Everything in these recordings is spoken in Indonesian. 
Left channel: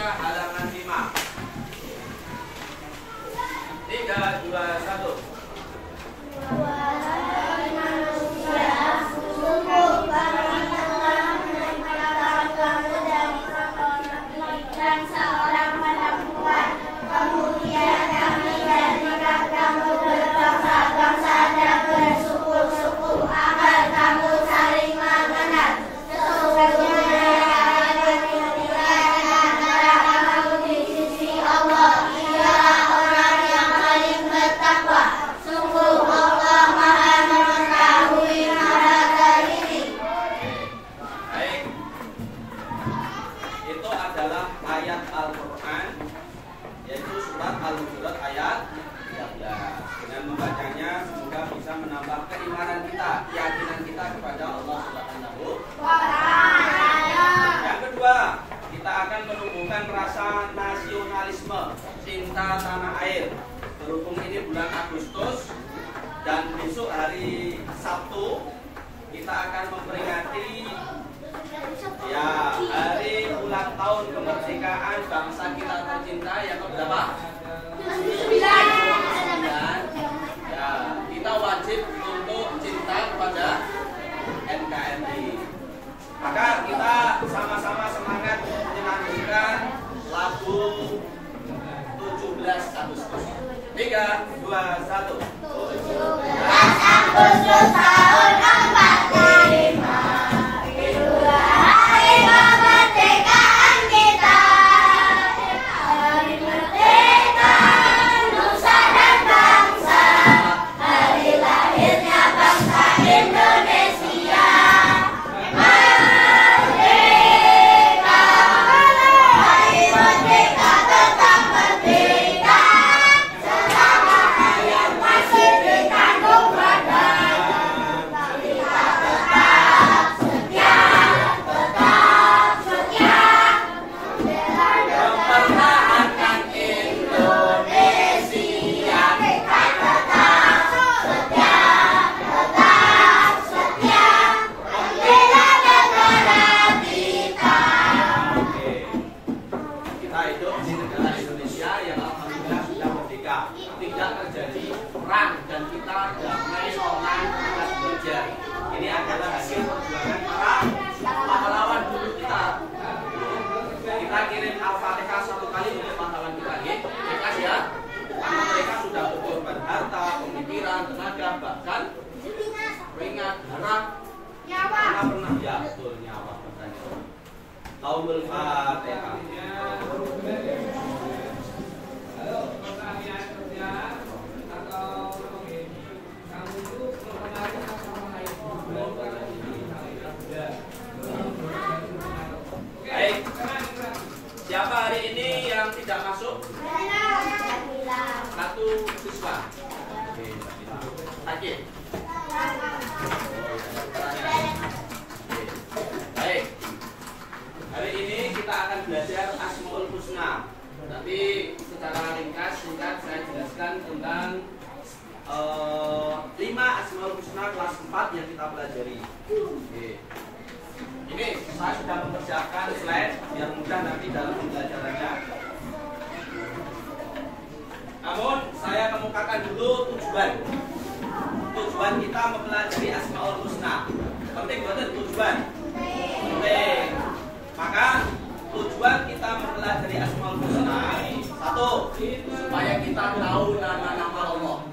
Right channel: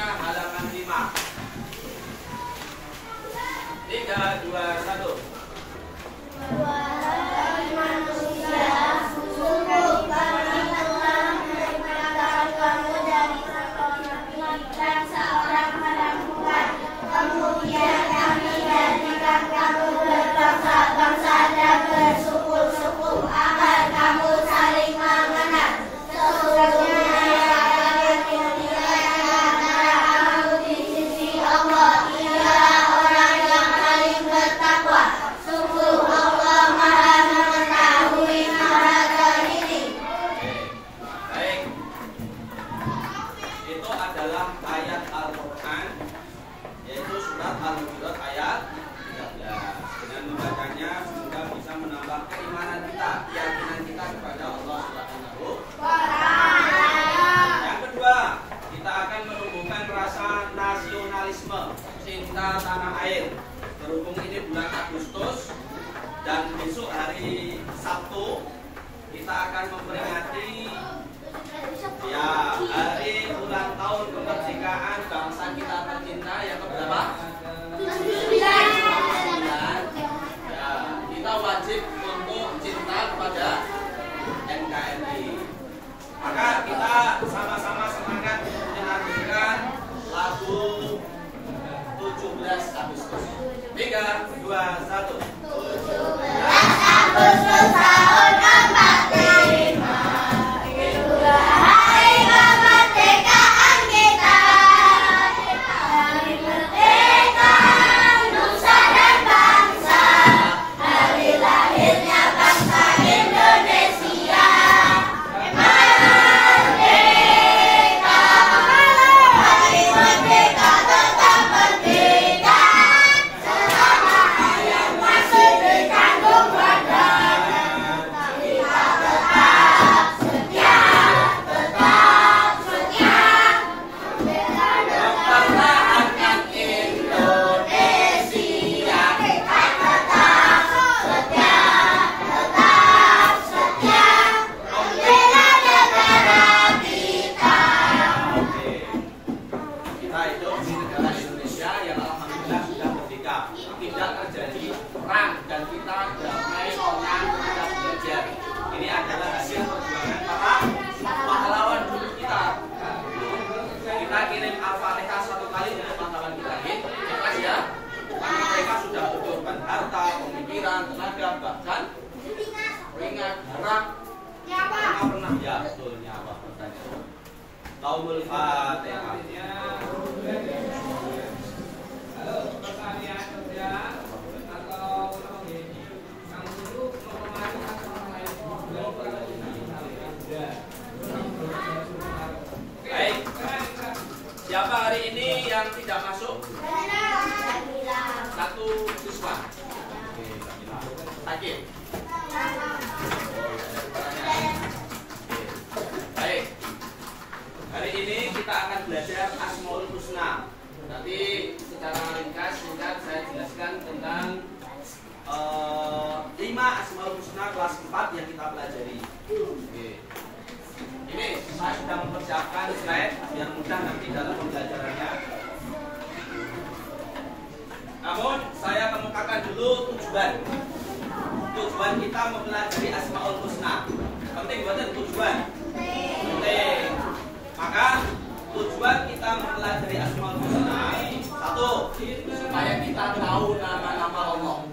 semuanya halaman 5. 3, 2, 1. Wahai manusia, sungguh kami telah menciptakan kamu dari laki-laki dan seorang perempuan. Kemudian kami jadikan kamu berbangsa-bangsa dan bersuku-suku agar kamu saling mengenal. Sesungguhnya yang dimuliakan antara kamu di sisi Allah ialah orang yang paling bertakwa. Sungguh Allah Maha mengetahui mereka ini. Baik. Itu adalah ayat Al-Quran, yaitu surat Al-Hujurat ayat 13. Dengan membacanya semoga bisa menambah keimanan kita, keyakinan kita kepada Allah Subhanahu wa Ta'ala. Yang kedua, kita akan menumbuhkan rasa nasionalisme, cinta tanah air. Berhubung ini bulan Agustus dan besok hari Sabtu kita akan memperingati hari ulang tahun kemerdekaan bangsa kita tercinta yang keberapa? 9. Ya, kita wajib untuk cinta kepada NKRI. Maka kita sama-sama semangat untuk menyanyikan lagu 17 Agustus. 3, 2, 1. 17 Agustus tahun 45. Itulah hari kemerdekaan kita. Hari merdeka nusa dan bangsa. Hari lahirnya bangsa Indonesia. Merdeka, hari merdeka tetap merdeka. Selama hayat masih dikandung badan. Kita tetap setia, mempertahankan Indonesia. Kita tetap setia, membela negara kita. Oke. Kita hidup di negara Indonesia yang alhamdulillah sudah merdeka. Tidak terjadi perang dan kita damai, tenang, tidak bekerja. Ini adalah hasil perjuangan para pahlawan dulu kita. Kita kirim Al-Fatihah 1 kali untuk pahlawan kita. Ikhlas ya. Karena mereka sudah berkorban harta, pemikiran, tenaga, bahkan keringat, darah. Pernah ya, betul, nyawa bertanya. Laulul Fatihah. Halo, pertanyaan kerja atau yang untuk memperbaiki atau Baik. Siapa hari ini yang tidak masuk? Satu siswa. Tadi. Baik. Hari ini kita akan belajar Asmaul Husna. Nanti secara ringkas singkat saya jelaskan tentang 5 Asmaul Husna kelas 4 yang kita pelajari. Ini saya sudah mempersiapkan slide biar mudah nanti dalam pembelajarannya. Namun saya kemukakan dulu tujuan. Tujuan kita mempelajari Asmaul Husna. Penting betul tujuan. Penting. Maka tujuan kita mempelajari Asmaul Husna, 1, supaya kita tahu nama-nama Allah.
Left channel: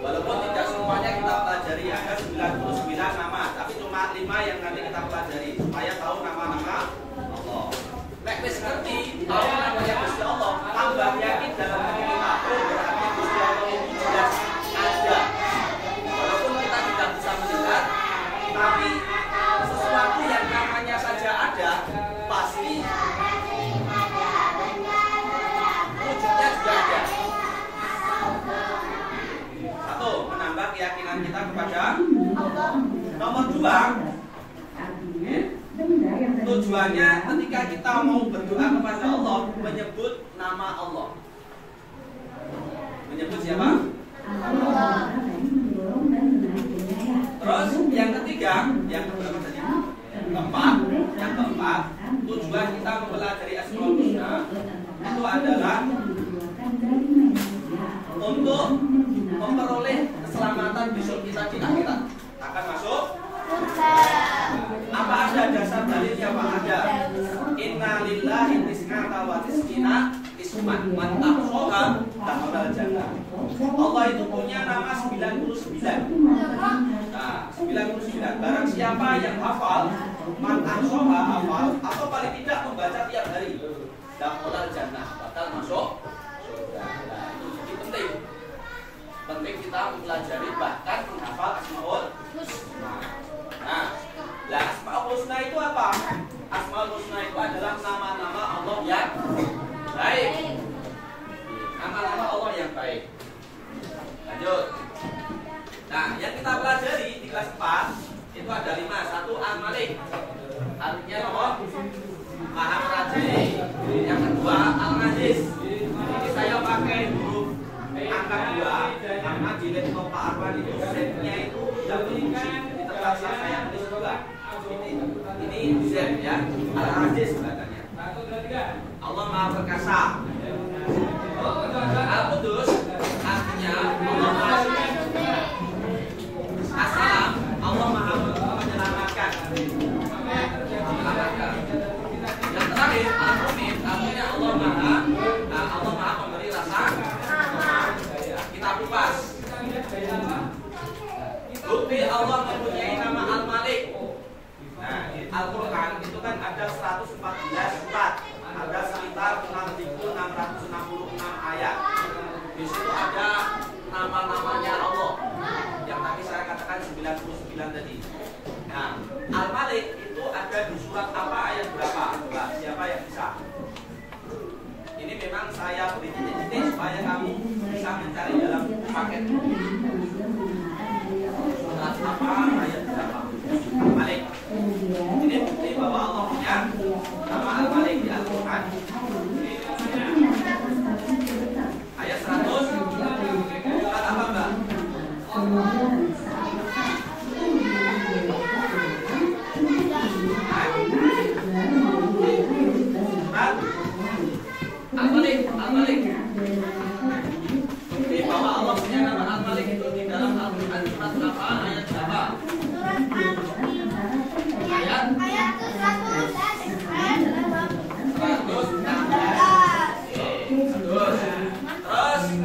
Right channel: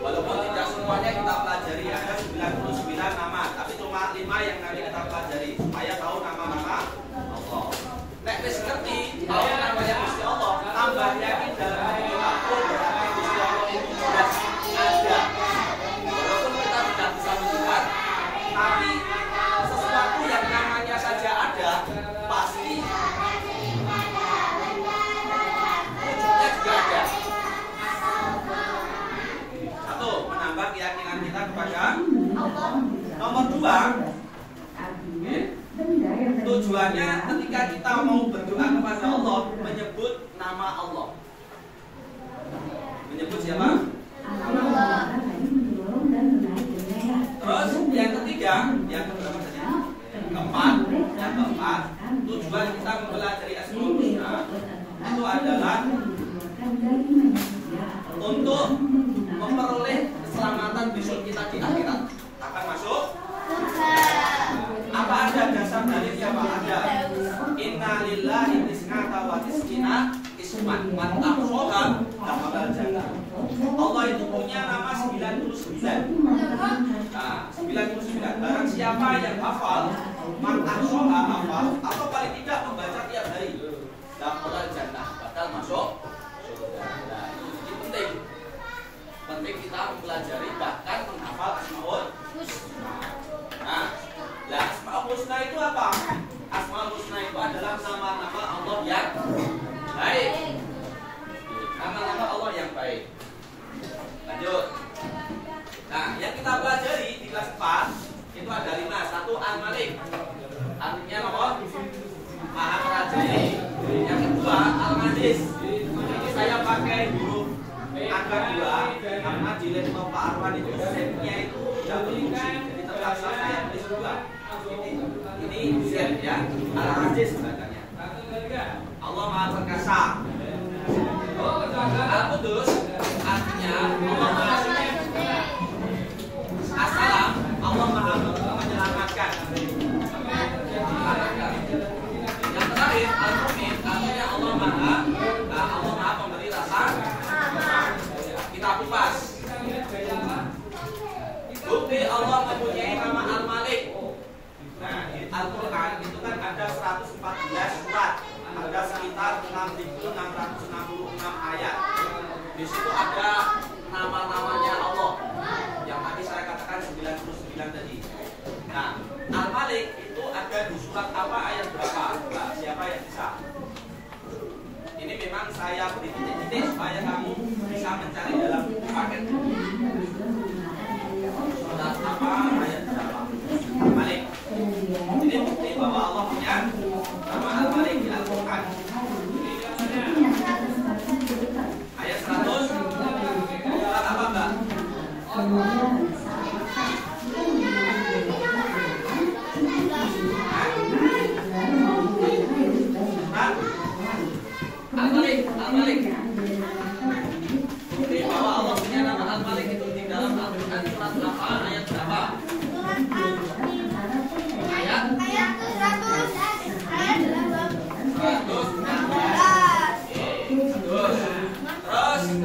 Walaupun tidak semuanya kita pelajari, ada 99 nama, tapi cuma 5 yang nanti kita pelajari supaya tahu nama-nama Allah. Nek wis ngerti tahu namanya Gusti Allah, tambah yakin dalam hati kita, berarti Gusti Allah itu jelas ada. Walaupun kita tidak bisa melihat, tapi sesuatu yang namanya saja ada, pasti wujudnya juga ada. 1, menambah keyakinan kita kepada Allah. Nomor 2, tujuannya ketika kita mau berdoa kepada Allah, menyebut nama Allah. Menyebut siapa? Terus yang ketiga, yang keberapa tadi? Yang keempat, tujuan kita mempelajari itu adalah untuk memperoleh keselamatan besok kita di akhirat. Akan masuk? Apa ada dasar dalilnya Pak? Ada. Inna lillahi tis'ata wa tis'ina isman man ahsaha dakhalal jannah. Allah itu punya nama 99. Nah, 99. Barang siapa yang hafal, man ahsaha hafal atau paling tidak membaca tiap hari, dakhalal jannah, bakal masuk surga. Nah, itu jadi penting. Penting kita mempelajari bahkan menghafal Asmaul Husna. Nah, Asmaul Husna itu apa? Asmaul Husna itu adalah nama-nama Allah yang baik. Nama-nama Allah yang baik. Lanjut. Nah, yang kita pelajari di kelas 4 itu ada 5. 1 Al-Malik. Artinya apa? Maha merajai. Yang kedua Al-Majiz. Ini saya pakai huruf angka 2 karena di laptop Pak Arwan itu setnya itu tidak berfungsi. Jadi terpaksa saya tulis 2. Ini Z ya. Al-Aziz katanya. Allah Maha Perkasa. Al-Qudus artinya Allah Maha Suci. As-Salam Allah Maha menyelamatkan. Yang terakhir Al-Mu'min artinya Allah Maha pemberi rasa. Kita kupas. Bukti Allah mempunyai nama Al-Malik. Nah, di Al-Quran itu kan ada 114 surat. Ada sekitar 6.666 ayat. Di situ ada nama-namanya Allah yang tadi saya katakan 99 tadi. Nah, Al-Malik itu ada di surat apa, ayat berapa? Nah, siapa yang bisa? Ini memang saya beri titik-titik supaya kamu bisa mencari dalam paket. Surat apa, ayat berapa? Al-Malik. Ini bukti bahwa Allah punya nama Al-Malik di Al-Quran. Ayat 100. Surat apa enggak? Al-Malik. Bukti bahwa Allah punya nama Al-Malik itu di dalam Al-Quran. Surat apa, ayat berapa? Ayat 116. Terus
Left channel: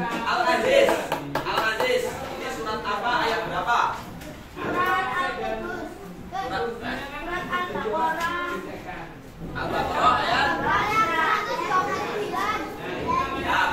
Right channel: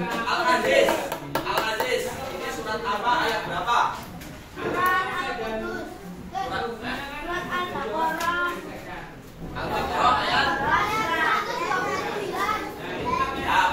Al-Aziz. Al-Aziz ini surat apa, ayat berapa? Surat Al-Baqarah ayat. Ya,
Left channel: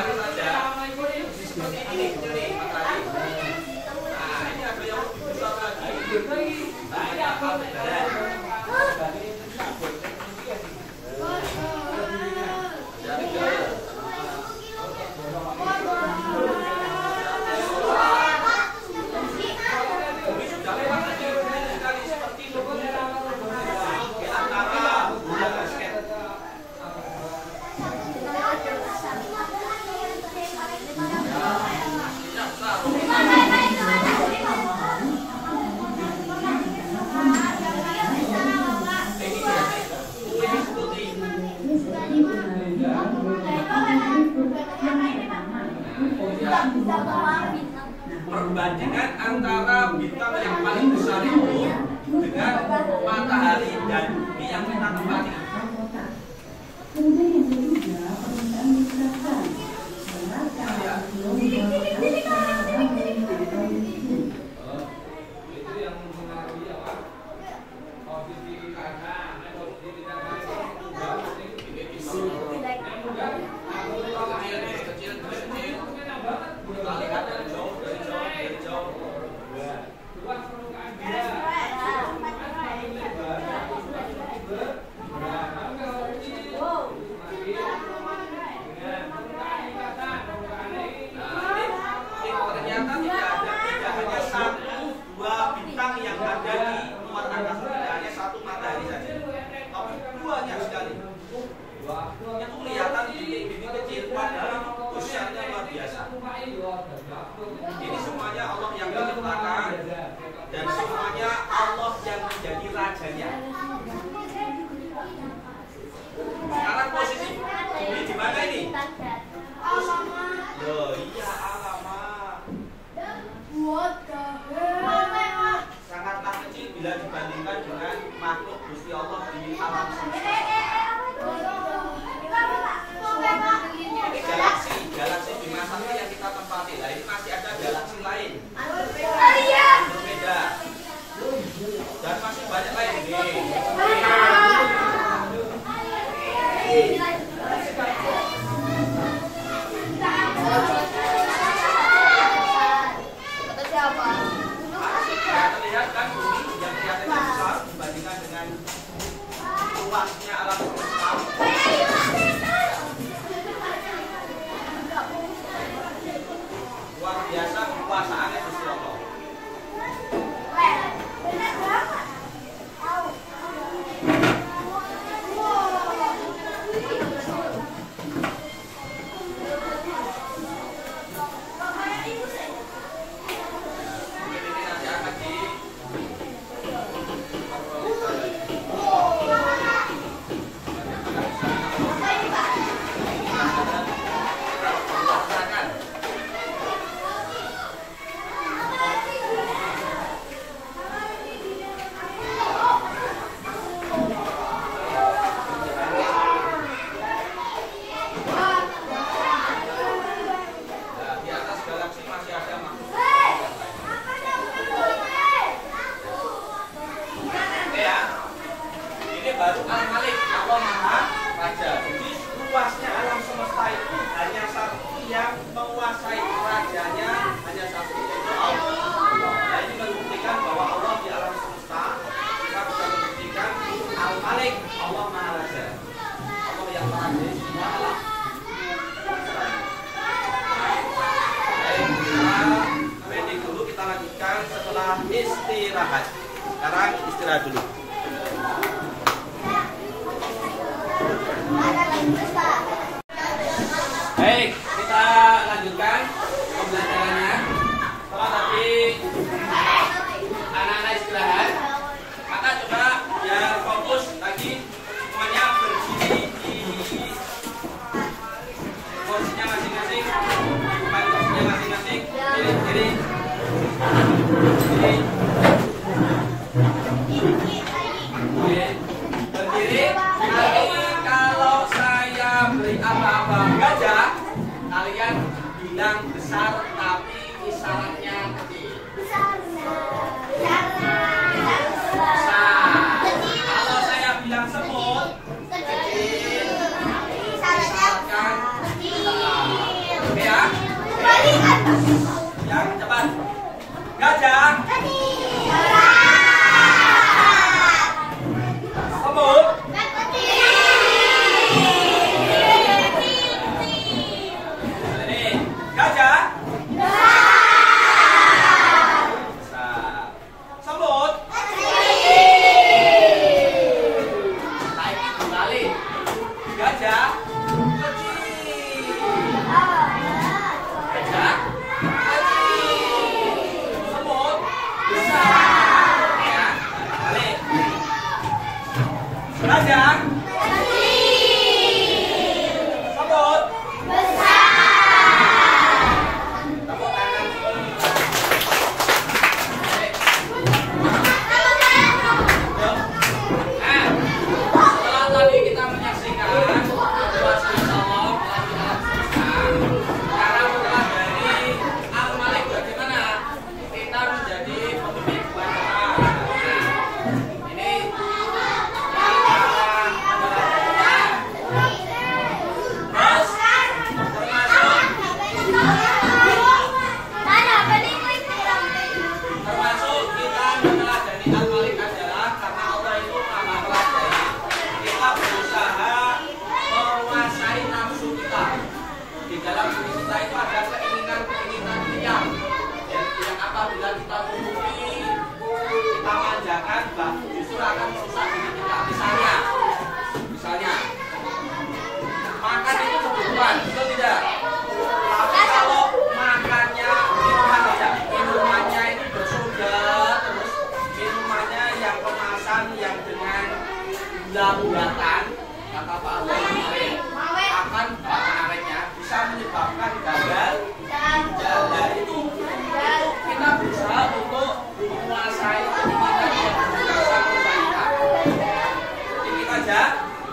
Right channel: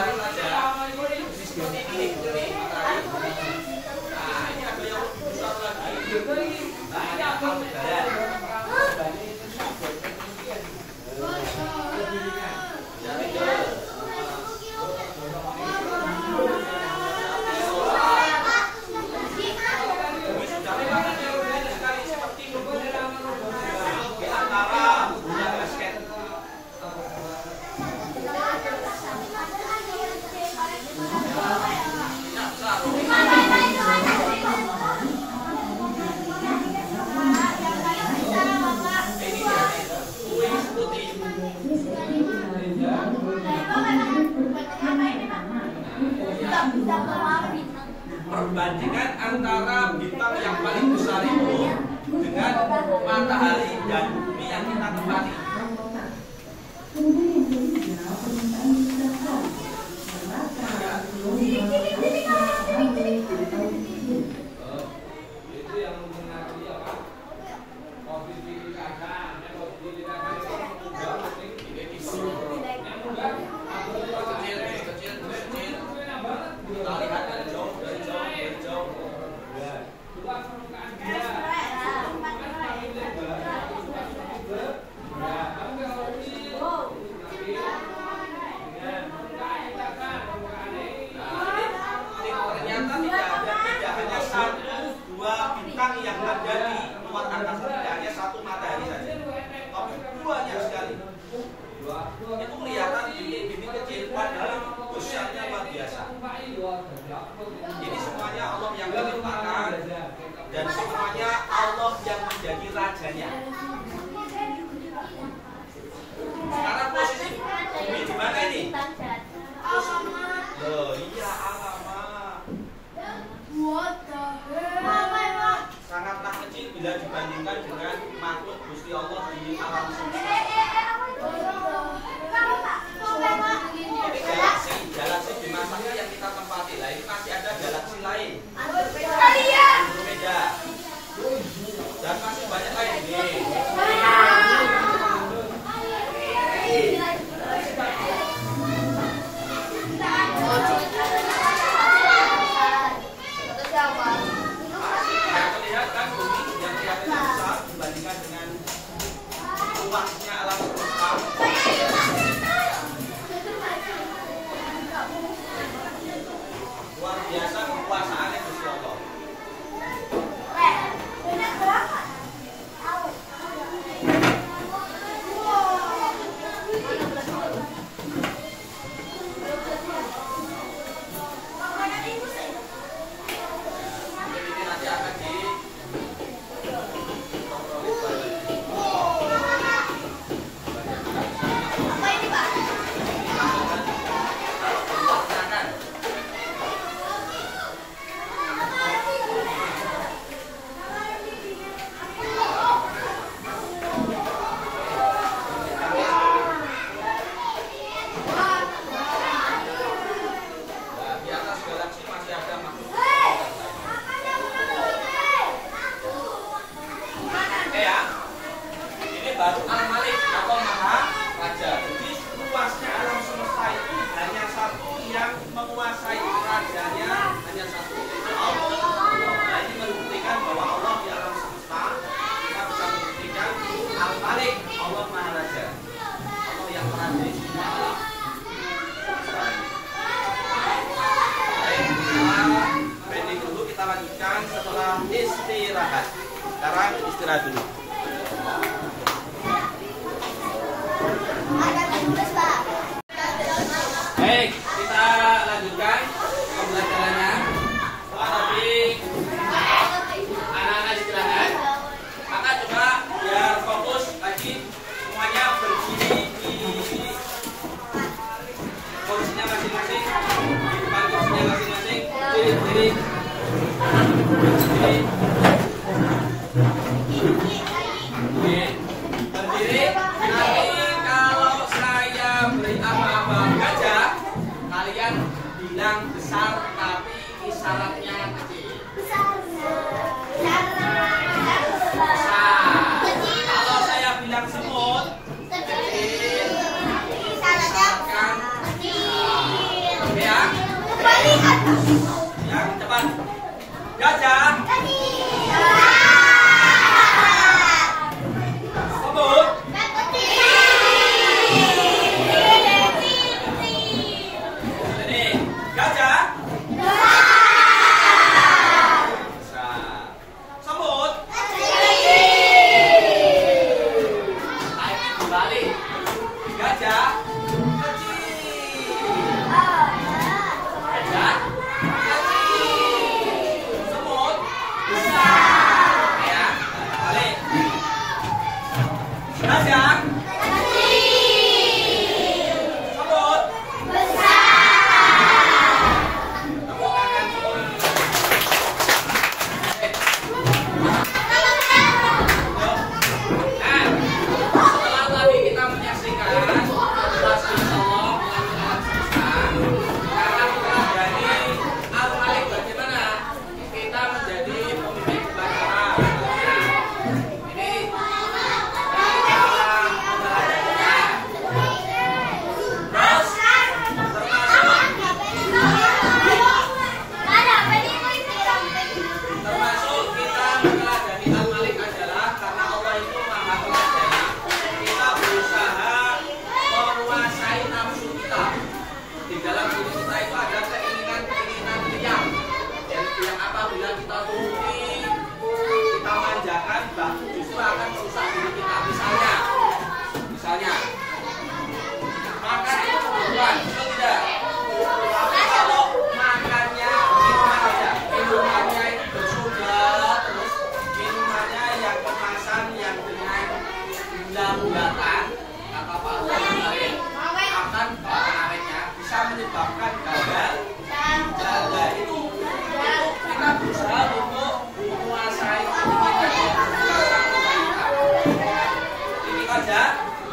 gambaran saja. Seperti ini matahari. Nah, ini ada yang lebih besar lagi. Nah, ini Aldebaran. Perbandingan antara bintang yang paling besar itu dengan matahari dan bumi yang kita tempati. Itu yang mempengaruhi apa? Kopi kiri kanan, kopi kiri kanan. Kita lihat dari jauh, dari jauh. Luas permukaan dia. Ternyata tidak hanya satu dua bintang yang ada di luar angkasa, tidak hanya satu matahari saja, tapi banyak sekali. Itu kelihatan bintang kecil, padahal besarnya luar biasa. Ini semuanya Allah yang menciptakan dan semuanya Allah yang menjadi rajanya. Sekarang posisi bumi di mana ini? Loh, iya alamat. Sangatlah kecil bila dibandingkan dengan makhluk Gusti Allah di alam semesta. Ini galaksi di masanya yang kita tempati. Lah ini masih ada galaksi lain. Berbeda. Dan masih banyak lain ini. Lihat kan bumi yang kelihatannya besar dibandingkan dengan luasnya alam semesta. Luar biasa kekuasaannya Gusti Allah. Baru Al-Malik, Allah Maha Raja. Jadi luasnya alam semesta itu hanya satu yang menguasai rajanya, hanya satu, yaitu Allah. Nah ini membuktikan bahwa Allah di alam semesta. Kita bisa membuktikan Al-Malik, Allah Maha Raja, Allah yang merajai semua alam. Baik, kita pending dulu, kita lanjutkan setelah istirahat. Sekarang istirahat dulu. Baik, kita lanjutkan pembelajarannya. Setelah tadi anak-anak istirahat, maka coba biar fokus lagi semuanya berdiri di posisinya masing-masing, di depan posisinya masing-masing, berdiri. Berdiri. Kalau saya beri apa-apa gajah, kalian bilang besar tapi isyaratnya kecil. Besar. Kalau saya bilang semut, kecil, isyaratkan besar. Yang cepat. Gajah. Semut. Ini gajah. Semut. Lagi kembali. Gajah. Gajah. Semut. Ya, balik. Gajah. Semut. Tepuk tangan. Setelah tadi kita menyaksikan situasi Allah karena setelah dari Al-Malik bagaimana kita menjadi pemilik bandara. Ini termasuk kita meneladani Al-Malik adalah karena Allah itu maha teladani. Kita berusaha menguasai nafsu kita. Di dalam diri kita itu ada keinginan-keinginan yang apabila kita turuti, kita manjakan, justru akan merusak diri kita. Misalnya, makan itu kebutuhan, betul tidak? Tapi kalau makannya minuman aja, minumannya itu bersoda, terus minumannya yang kemasan yang dengan gula buatan, kata Pak Allah kemarin akan awetnya bisa menyebabkan gagal. Gagal itu kita berusaha untuk menguasai keinginan yang bisa merusak kita. Ini saja,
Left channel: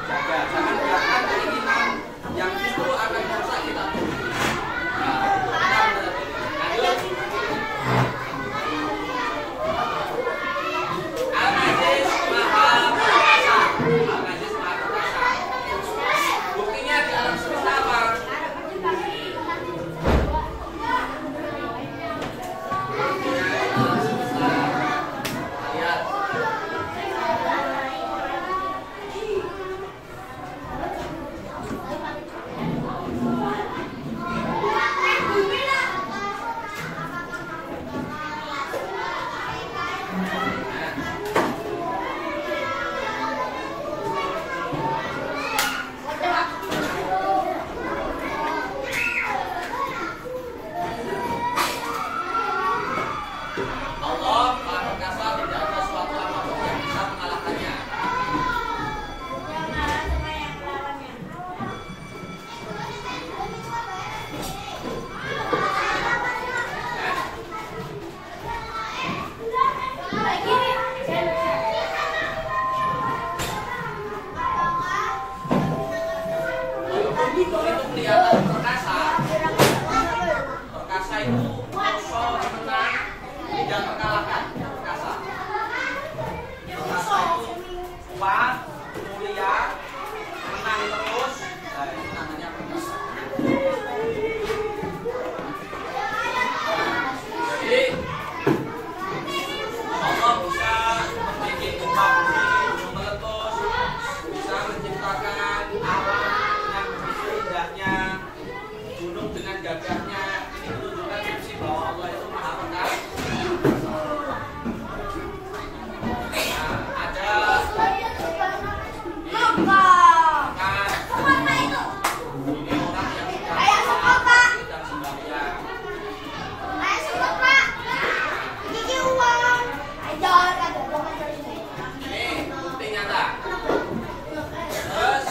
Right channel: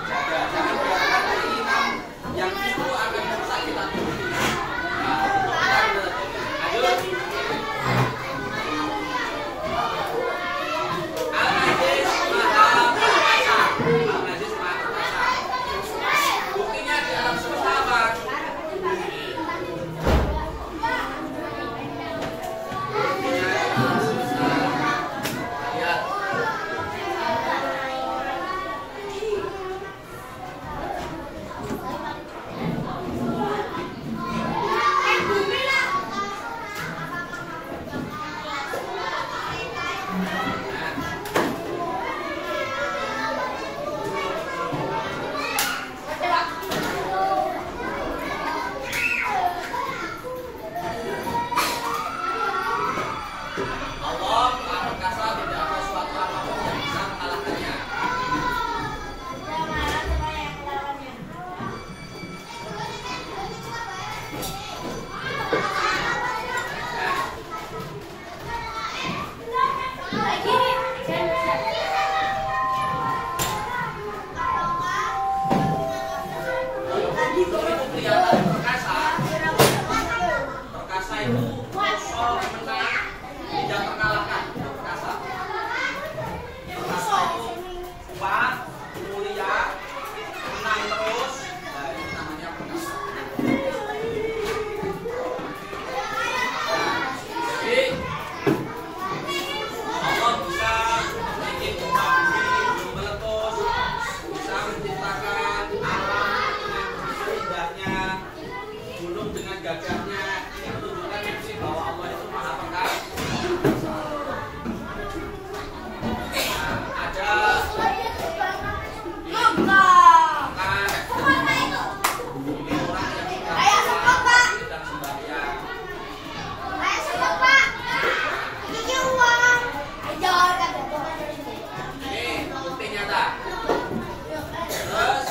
jangan biarkan keinginan yang justru akan merusak kita. Al-Aziz Maha Perkasa. Al-Aziz Maha Perkasa. Buktinya di alam semesta apa? Lihat. Allah Maha Perkasa, tidak ada suatu apapun yang bisa mengalahkannya. Walaupun gunung itu kelihatan perkasa itu kosong, tenang, tidak terkalahkan. Perkasa itu kuat, mulia, menang terus. Nah, itu namanya perkasa. Jadi Allah bisa membuat gempa bumi, gunung meletus, bisa menciptakan alam dengan begitu indahnya, gunung dengan gagahnya. Ini menunjukkan fungsi bahwa Allah itu maha perkasa. Ada ini orang yang sedang sembahyang. Ini bukti nyata. Terus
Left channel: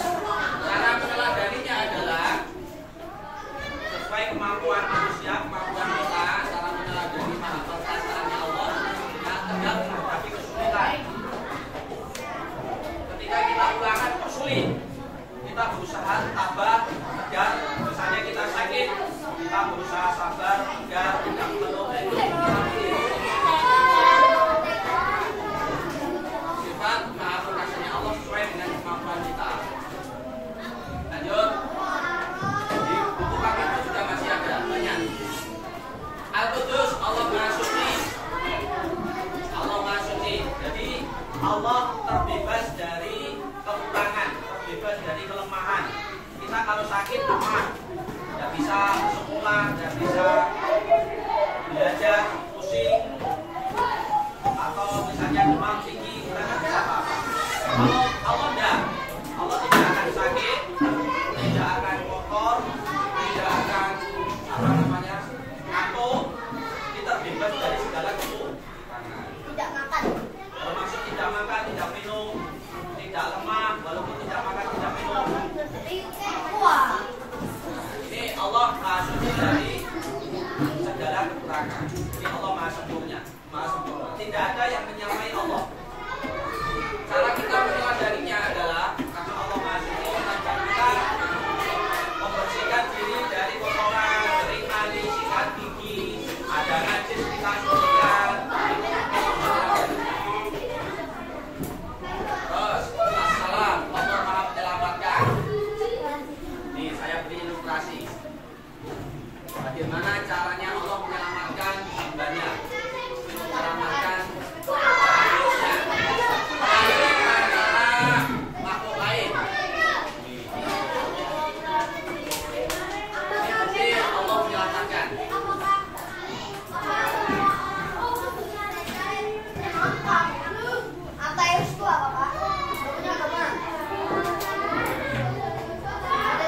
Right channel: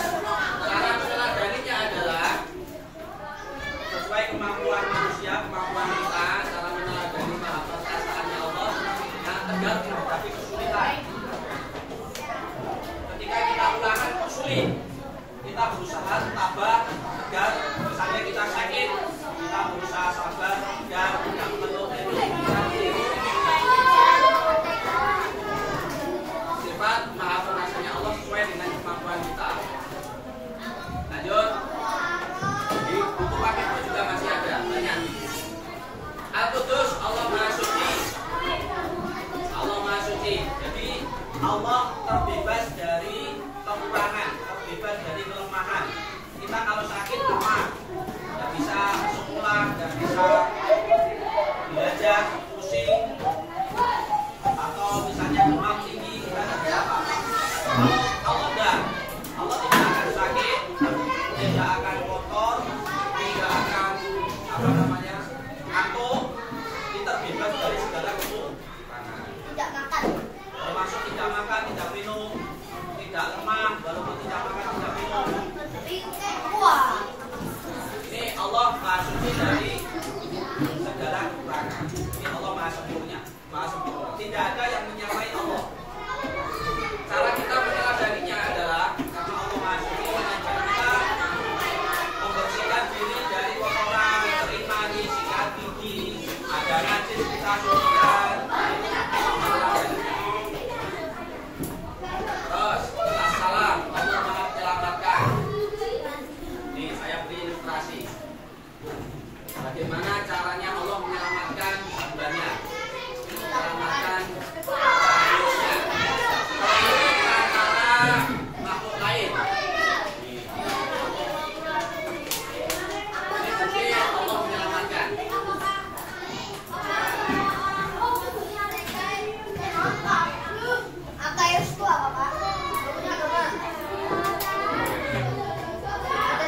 cara meneladaninya adalah sesuai kemampuan manusia, kemampuan kita dalam meneladani maha perkasaannya Allah yang tegar menghadapi kesulitan. Ketika kita ulangan kok sulit, kita berusaha tabah, tegar. Misalnya kita sakit, kita berusaha sabar, tegar, tidak mengeluh. Sifat maha perkasanya Allah sesuai dengan kemampuan kita. Lanjut. Di buku paket itu juga masih ada banyak. rumah dan bisa belajar pusing atau misalnya demam tinggi, gimana tidak apa-apa. Kalau Allah tidak, Allah tidak akan sakit, tidak akan kotor, tidak akan apa namanya ngantuk, kita bebas dari segala kekurangan. Tidak makan. Termasuk tidak makan, tidak minum, tidak lemah, walaupun tidak makan, tidak minum. Wah. Ini Allah Maha Suci dari segala kekurangan. Ini Allah Maha Sempurna, Maha Sempurna. Tidak ada yang menyamai Allah. Cara kita menyadarinya adalah karena Allah Maha Suci mengajar kita membersihkan diri dari kotoran, sering mandi, sikat gigi, ada najis kita sucikan. Terus assalam, Allah Maha menyelamatkan. Nih saya beri ilustrasi. Bagaimana caranya Allah menyelamatkan hambanya, menyelamatkan manusia dari antara makhluk lain. Ini bukti Allah menyelamatkan. Ateis itu apa, Pak? Punya agama. Ada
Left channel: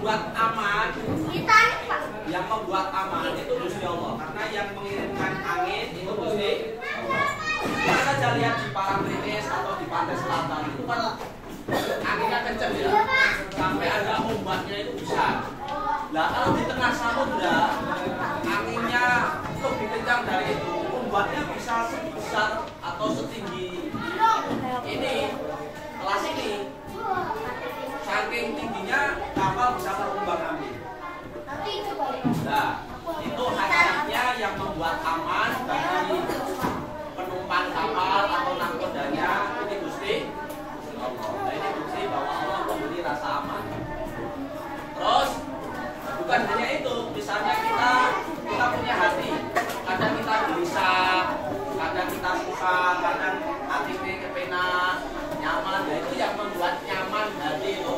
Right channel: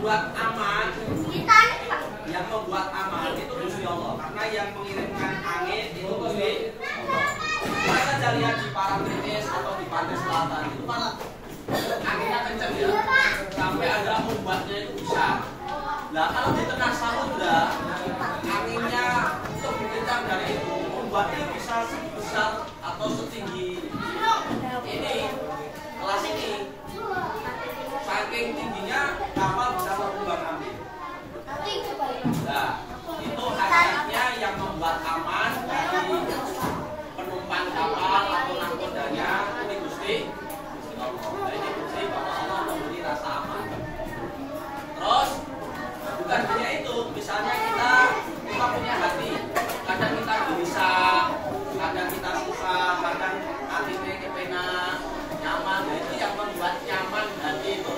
membuat aman, yang membuat aman itu Gusti Allah, karena yang mengirimkan angin itu Gusti. Kita saja lihat di Parangtritis atau di pantai selatan itu kan anginnya kencang ya, sampai ada ombaknya itu besar. Nah kalau di tengah samudra anginnya lebih kencang dari itu, ombaknya bisa sebesar atau setinggi ini, kelas ini. Saking tingginya kapal bisa terombang ambing. Nah itu hakikatnya yang membuat aman bagi penumpang kapal atau nahkodanya ini Gusti Allah. Nah, ini bukti bahwa Allah memberi rasa aman. Terus bukan hanya itu, misalnya kita punya hati, kadang kita bisa, kadang kita suka, kadang hati ini kepenak, nyaman. Nah, itu yang membuat nyaman hati itu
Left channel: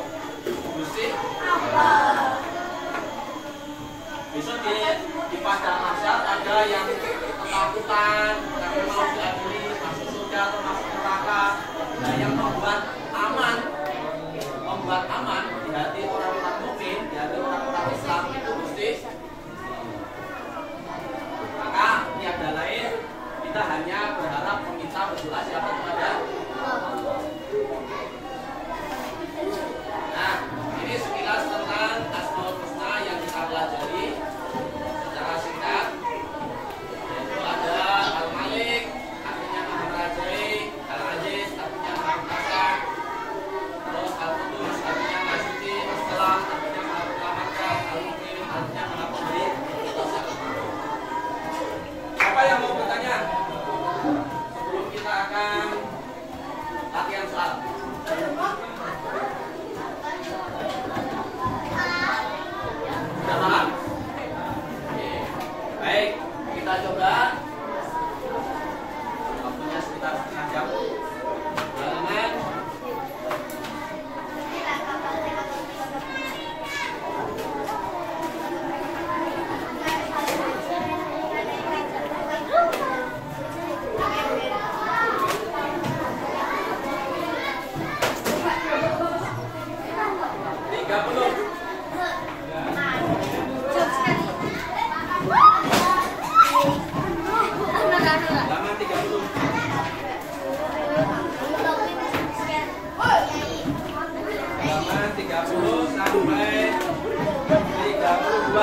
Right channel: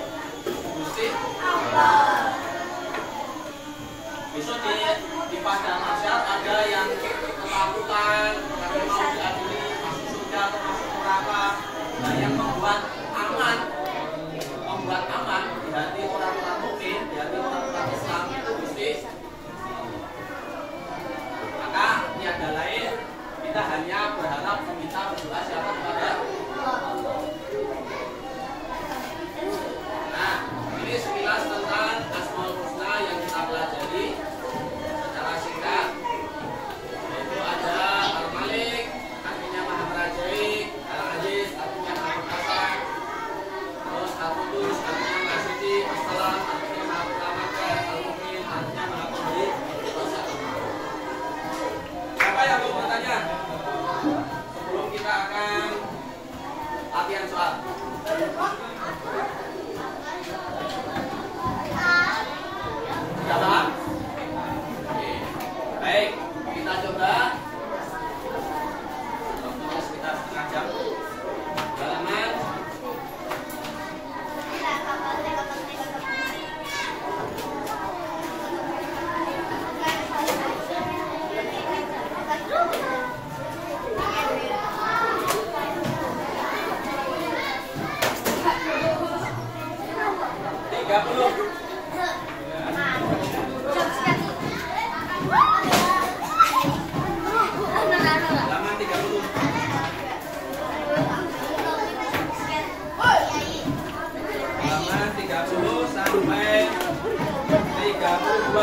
Gusti Allah. Besok di padang mahsyar ada yang ketakutan karena mau diadili masuk surga atau masuk neraka. Nah, yang membuat aman di hati orang-orang mukmin, di hati orang-orang Islam itu Gusti. Maka tiada lain, kita hanya berharap meminta berdoa siapa kepada Allah. Nah, ini sekilas tentang Asmaul Husna yang kita pelajari secara singkat. Yaitu ada Al-Malik, artinya Maha Merajai, Al-Aziz, artinya Maha Perkasa, terus Al-Qudus, artinya Maha Suci, As-Salam, artinya Maha Menyelamatkan, Al-Mu'min, artinya Maha Pemberi. Siapa yang mau bertanya? Sebelum kita akan latihan soal. Sudah paham? Oke. Baik, kita coba. Waktunya sekitar setengah jam. Halaman halaman 30. Halaman 30 sampai 32.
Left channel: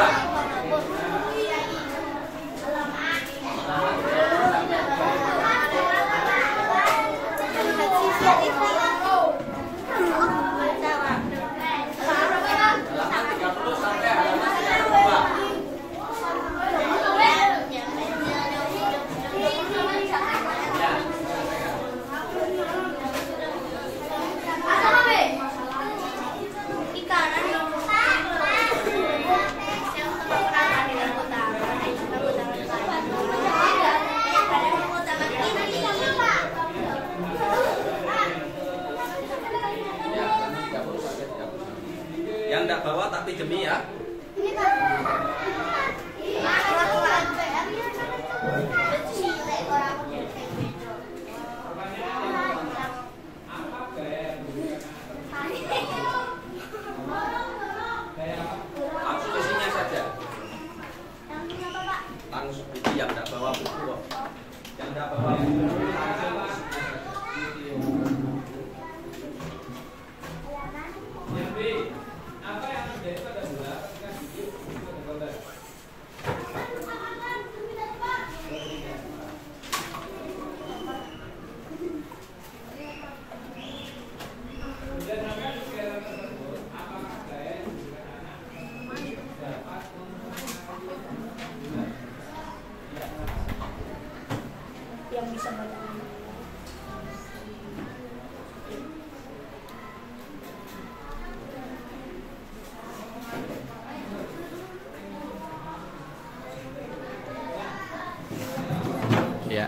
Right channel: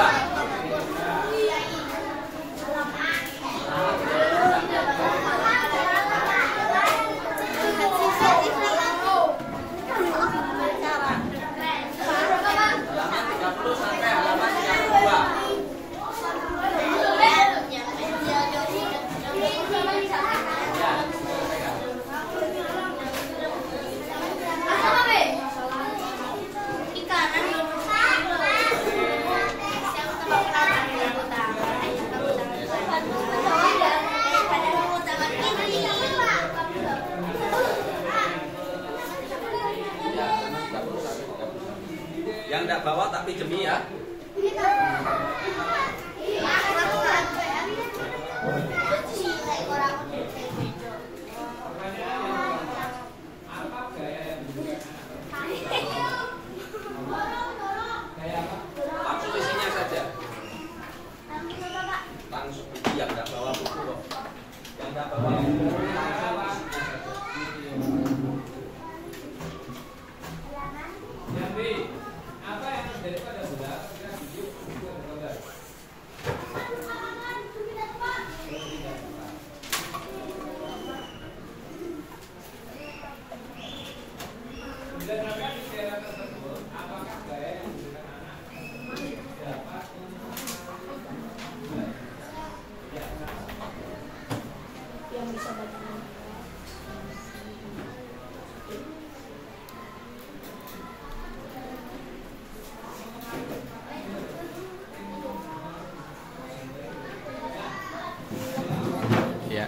Halaman 30 sampai halaman 32. Yang tidak bawa tak pinjemi ya. Langsung isinya saja. Langsung yang tidak bawa buku loh. Yang tidak bawa buku langsung isinya saja. Apa yang terjadi pada bola ketika hidup itu tergambar? Berdasarkan eksperimen tersebut, apakah gaya yang diberikan anak dapat Yang bisa baca. Ya.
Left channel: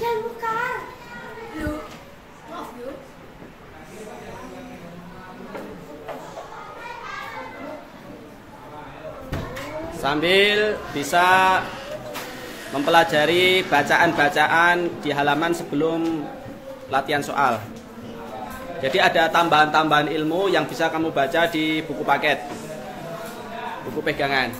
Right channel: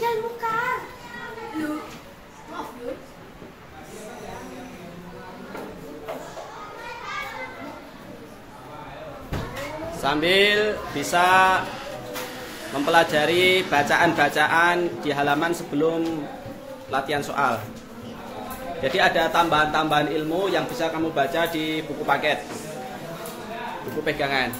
Dan buka. Lu. Maaf, Yud. Sambil bisa mempelajari bacaan-bacaan di halaman sebelum latihan soal. Jadi ada tambahan-tambahan ilmu yang bisa kamu baca di buku paket, buku pegangan.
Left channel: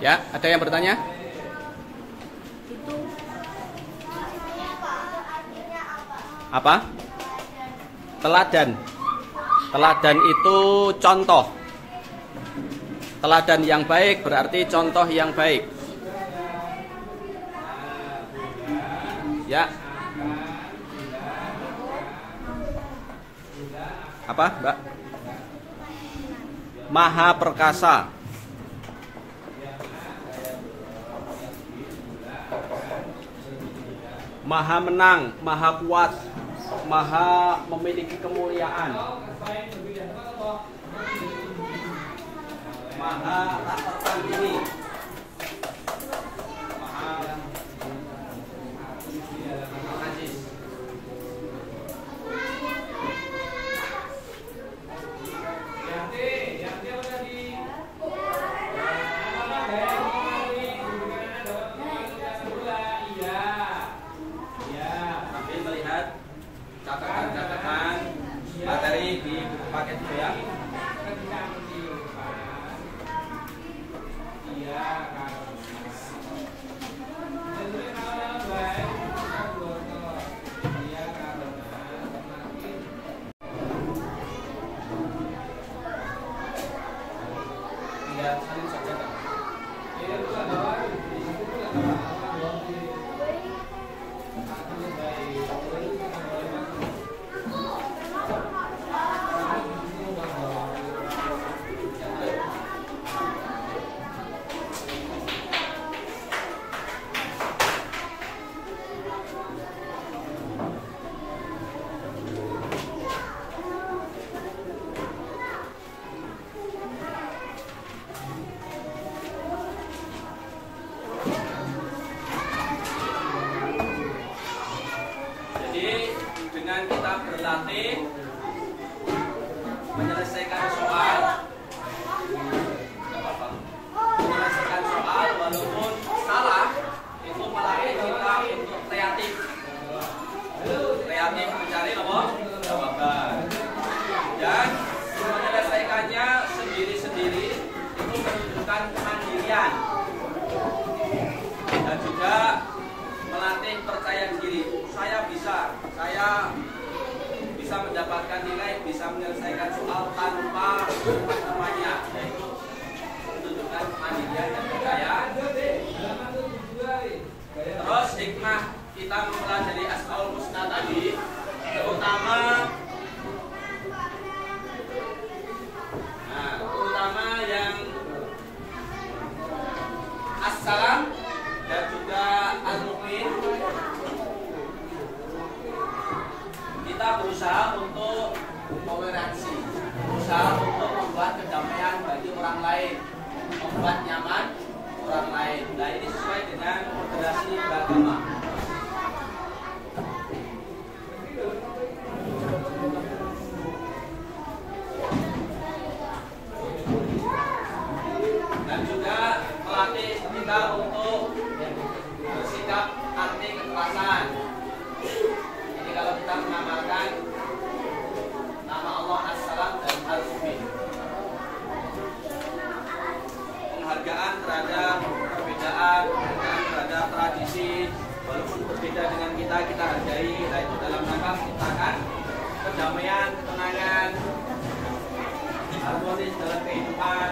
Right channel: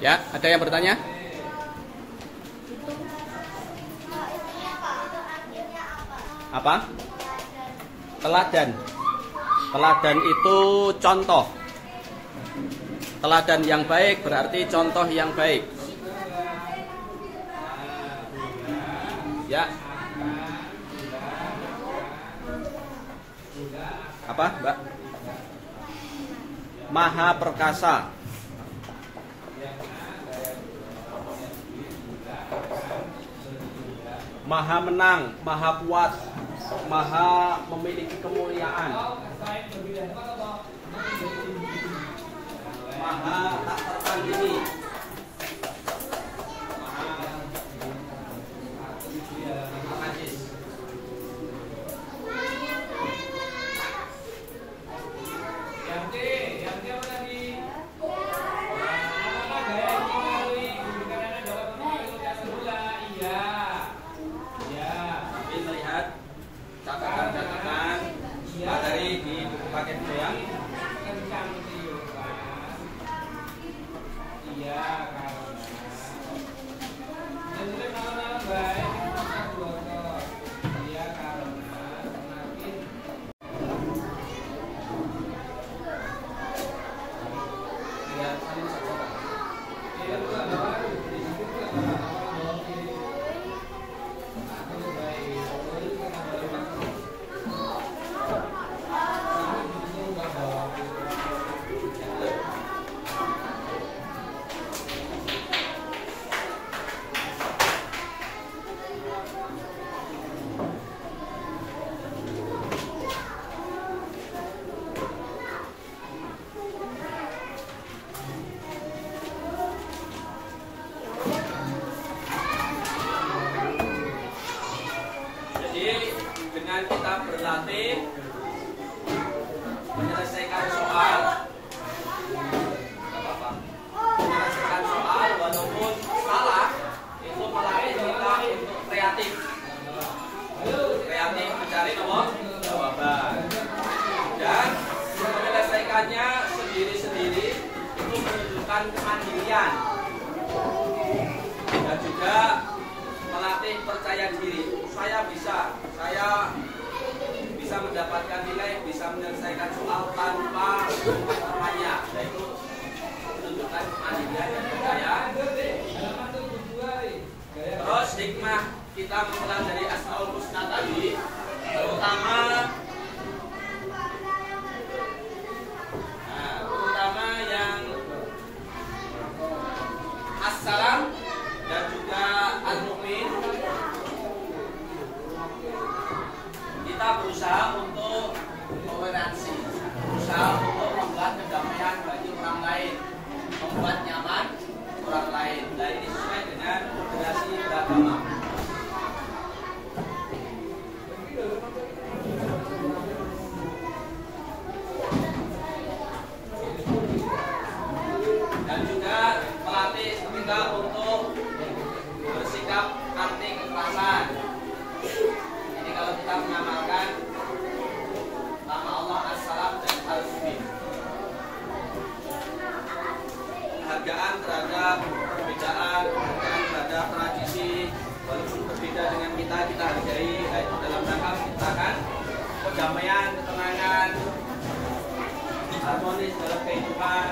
Ya, ada yang bertanya? Apa? Teladan. Teladan itu contoh. Teladan yang baik berarti contoh yang baik. Ya. Apa, Mbak? Maha perkasa. Maha menang, maha kuat, maha memiliki kemuliaan. Maha tak tertandingi. Maha aziz. Catatan materi di buku paket itu ya. Dengan kita berlatih menyelesaikan soal, menyelesaikan soal walaupun salah, itu melatih kita untuk kreatif, mencari nomor jawaban, dan menyelesaikannya sendiri-sendiri itu menunjukkan kemandirian dan juga melatih percaya diri. Saya bisa mendapatkan nilai, bisa menyelesaikan soal tanpa temannya. Itu menunjukkan kemandirian dan percaya. Terus hikmah kita mempelajari Asmaul Husna tadi, terutama yang As-Salam dan juga Al-Mu'min. berusaha untuk toleransi, berusaha untuk membuat kedamaian bagi orang lain, membuat nyaman orang lain. Nah, ini sesuai dengan moderasi beragama. Dan juga melatih kita untuk bersikap anti kekerasan. Jadi kalau kita mengamalkan nama Allah As-Salam dan Al-Mubin, penghargaan terhadap perbedaan, penghargaan terhadap tradisi, walaupun berbeda dengan kita hargai. Nah, itu dalam rangka menciptakan kedamaian, ketenangan, harmonis dalam kehidupan.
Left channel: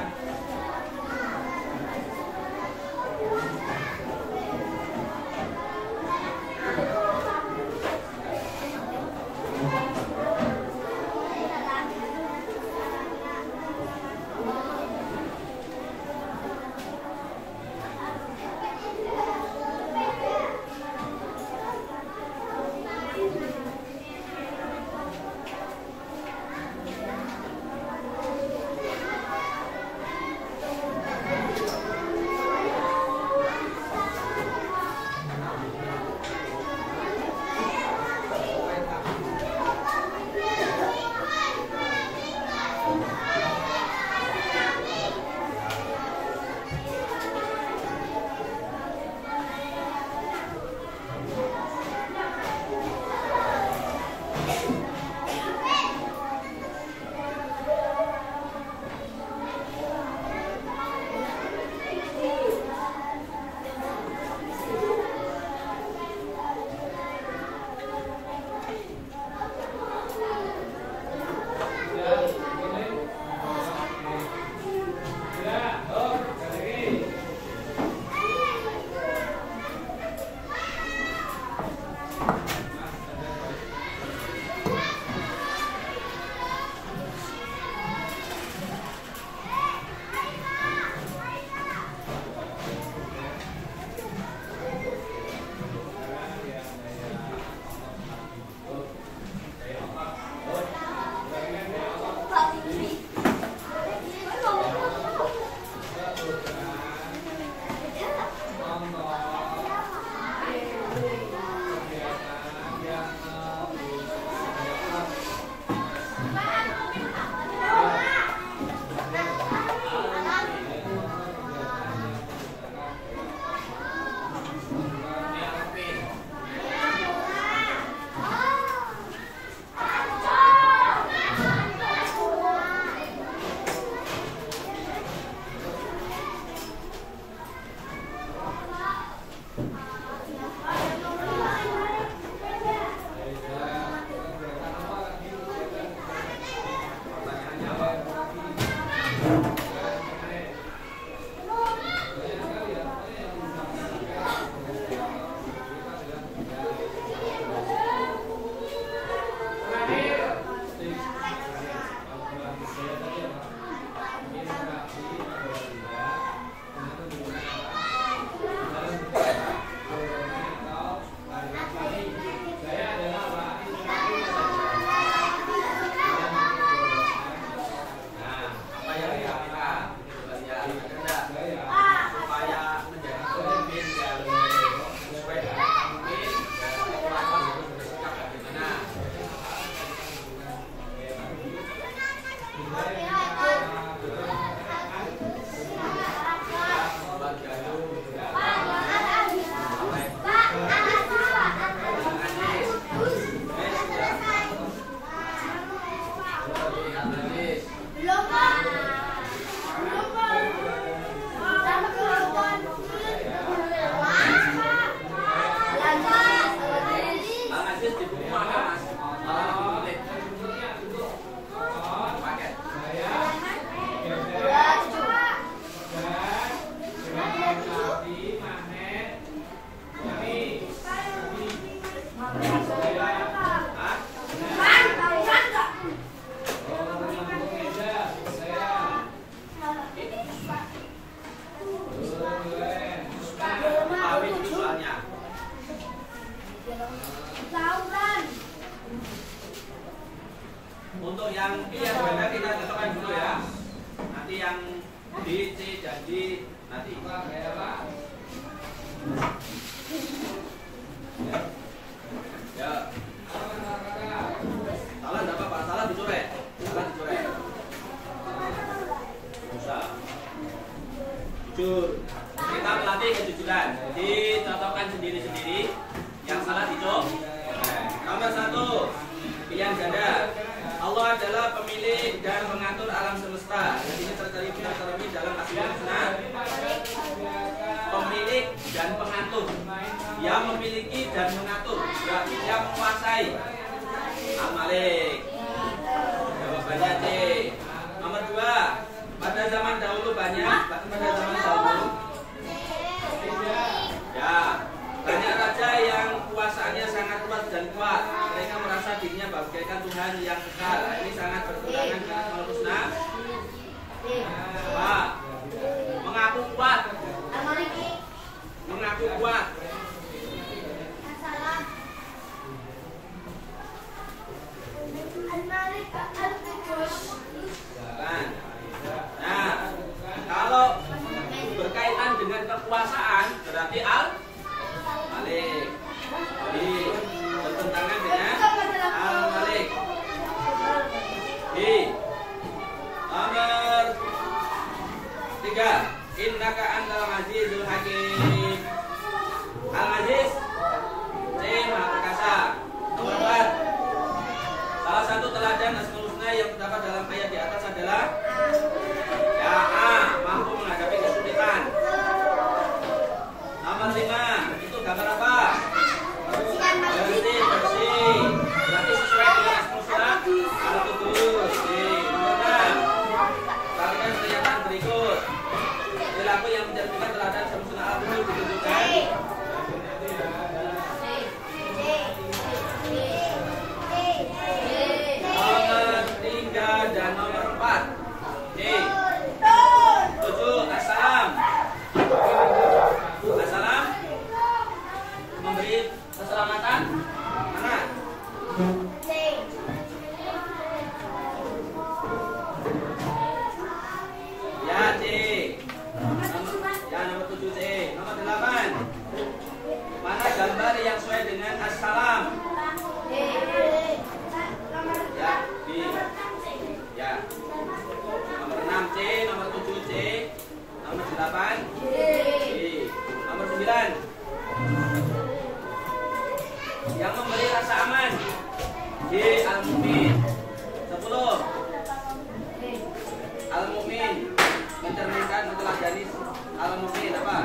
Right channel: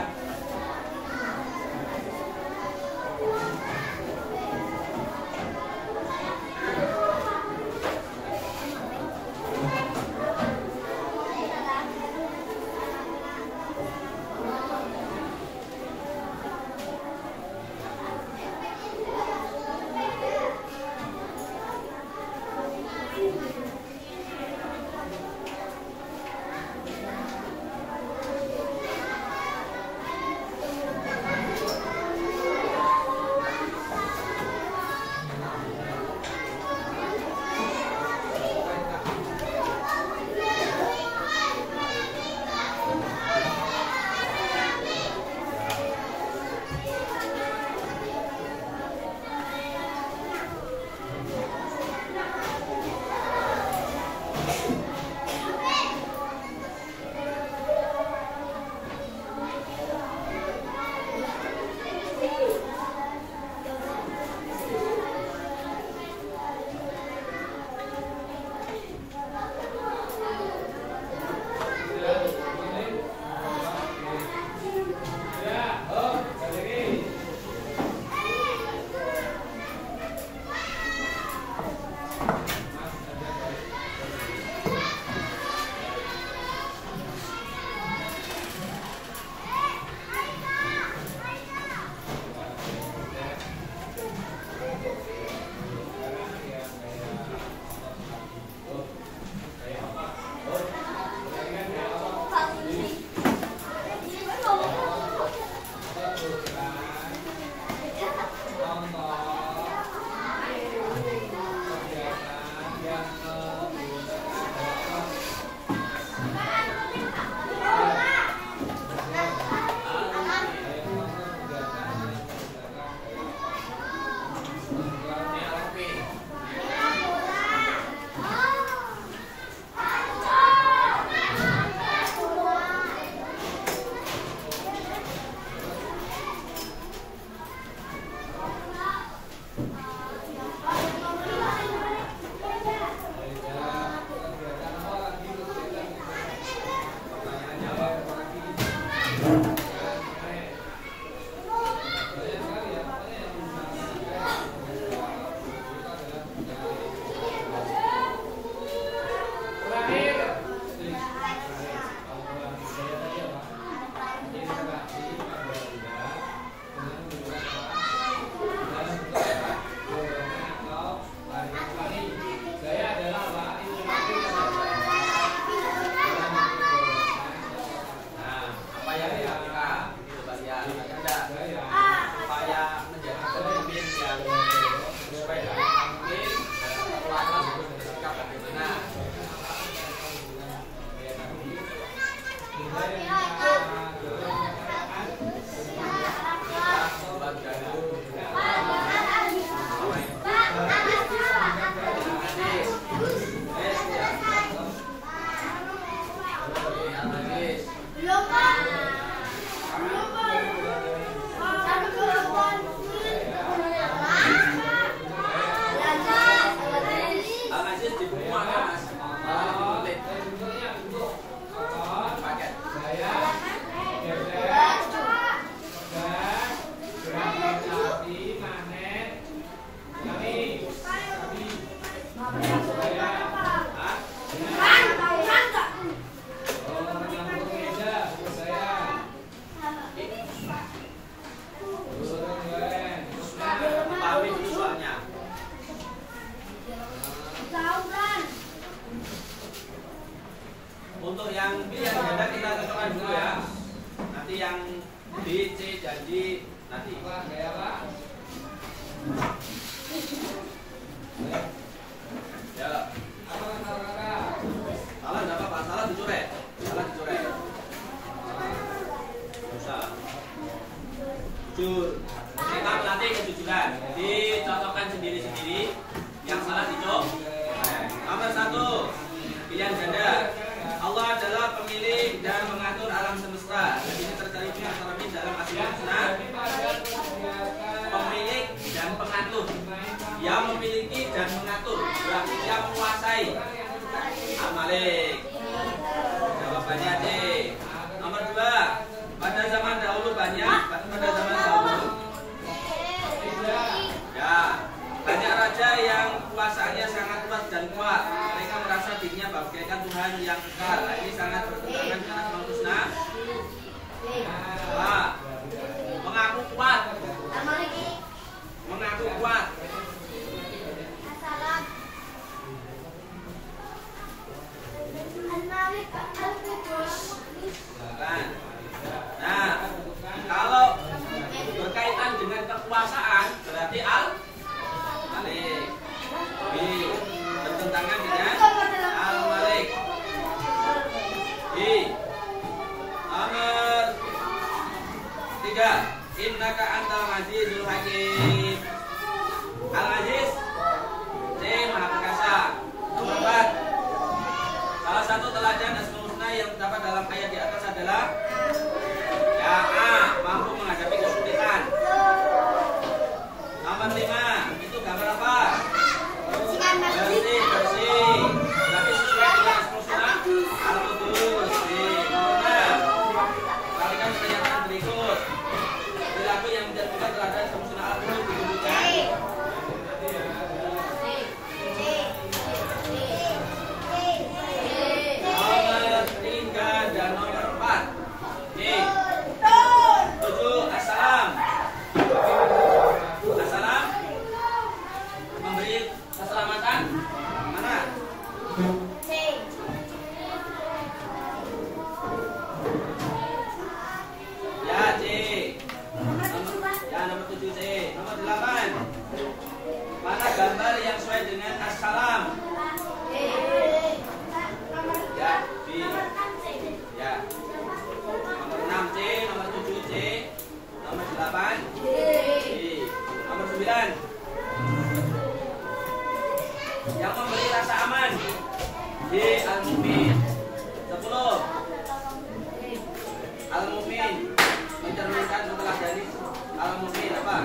Untuk yang B yang ganda kita cocokkan dulu ya. Nanti yang D, C dan D nanti. Ya. Salah enggak apa-apa, salah dicoret. Salah dicoret. Bisa. Jujur. Kita melatih kejujuran. Dicocokkan sendiri-sendiri. Yang salah dicoret. Nomor 1. Pilihan ganda. Allah adalah pemilik dan mengatur alam semesta. Dan ini tercermin dalam Asmaul Husna. Pemilik dan pengatur. Dia memiliki dan mengatur. Berarti dia menguasai. Al-Malik. Jawabannya C. Nomor 2. Pada zaman dahulu banyak. Pada zaman dahulu. Ya. Banyak raja yang kuasaannya sangat luas dan kuat. Mereka merasa dirinya bagaikan Tuhan yang kekal. Nah, ini sangat bertentangan dengan Asmaul Husna. Pak, mengaku kuat. Mengaku kuat. Nah, kalau berkaitan dengan kekuasaan berarti Al-Malik. B. Bertentangan dengan Al-Malik. B. Nomor 3. Innaka antal azizul hakim. Al-Aziz. C. Maha Perkasa. Nomor 4. Salah satu teladan Asmaul Husna yang terdapat dalam ayat di atas adalah ya A. Mampu menghadapi kesulitan. Nomor 5. Itu gambar apa? Bersih. Berarti sesuai dengan Asmaul Husna. Al-Qudus. Nomor 6. Perhatikan pernyataan berikut. Perilaku yang mencerminkan teladan Asmaul Husna Al-Qudus ditunjukkan. Nomor 3 dan nomor 4. C. 7. Assalam. Assalam memberi keselamatan. Mana? Ya C. Nomor 7 C. Nomor 8. Mana gambar yang sesuai dengan assalam? Ya B. Ya. Nomor 6 C. Nomor 7 C. Nomor 8 B. Nomor 9. Yang memberi rasa aman. D. Al-Mu'min. 10. Al-Mu'min mencerminkan setelah jadi Al-Mu'min apa?